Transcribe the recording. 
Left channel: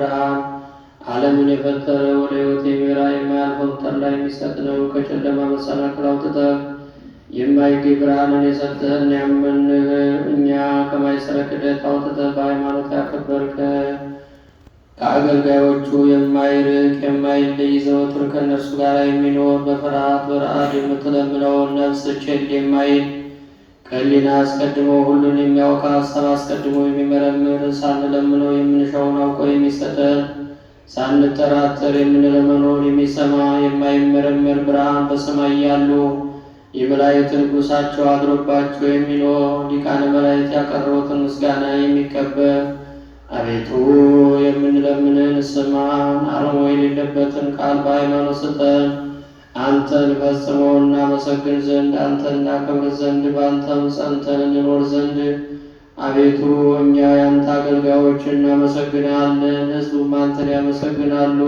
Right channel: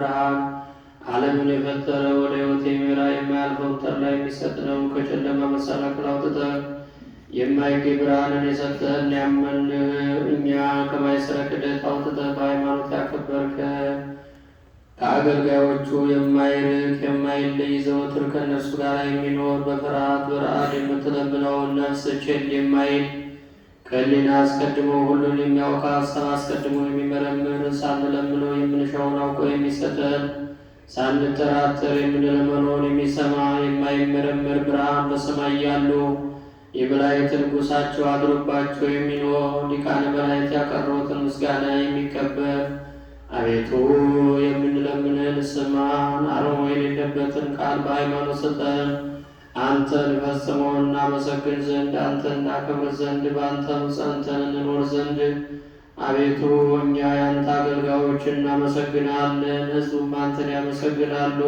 ብርሃን ዓለምን የፈጠረ ወደ ሕይወት የሚመራ የማያልፈው ተድላ የሚሰጥ ነው። ከጨለማ መሰናክል አውጥተህ የማይገኝ ብርሃንን የሰጠህን ያመንህ እኛ ከማይሰረ ክደት አውጥተህ በሃይማኖት ያከበርከን ከአገልጋዮቹ የማይርቅ የማይለይ ዘወትር ከእነርሱ ጋር የሚኖር በፍርሃት በረአድ የምትለምነውን ነፍስ ቸል የማይል ከሕሊና አስቀድሞ ሁሉን የሚያውቅ ሀሳብ አስቀድሞ የሚመረምር ሳንለምነው የምንሻውን አውቆ የሚሰጠን ሳንጠራጠር የምንለመነውን የሚሰማ የማይመረመር ብርሃን በሰማይ ያሉ የመላእክት ንጉሣቸው አድሮባቸው የሚኖር ሊቃነ መላእክት ያቀረቡትን ምስጋና የሚቀበል አቤቱ የምንለምንን ስማን። አርሞ የሌለበትን ቃል በሃይማኖት ስጠን። አንተን ፈጽሞ እናመሰግን ዘንድ አንተን እናከብር ዘንድ በአንተም ጸንተን እንኖር ዘንድ አቤቱ እኛ የአንተ አገልጋዮች እናመሰግናለን፣ ሕዝቡም አንተን ያመሰግናሉ።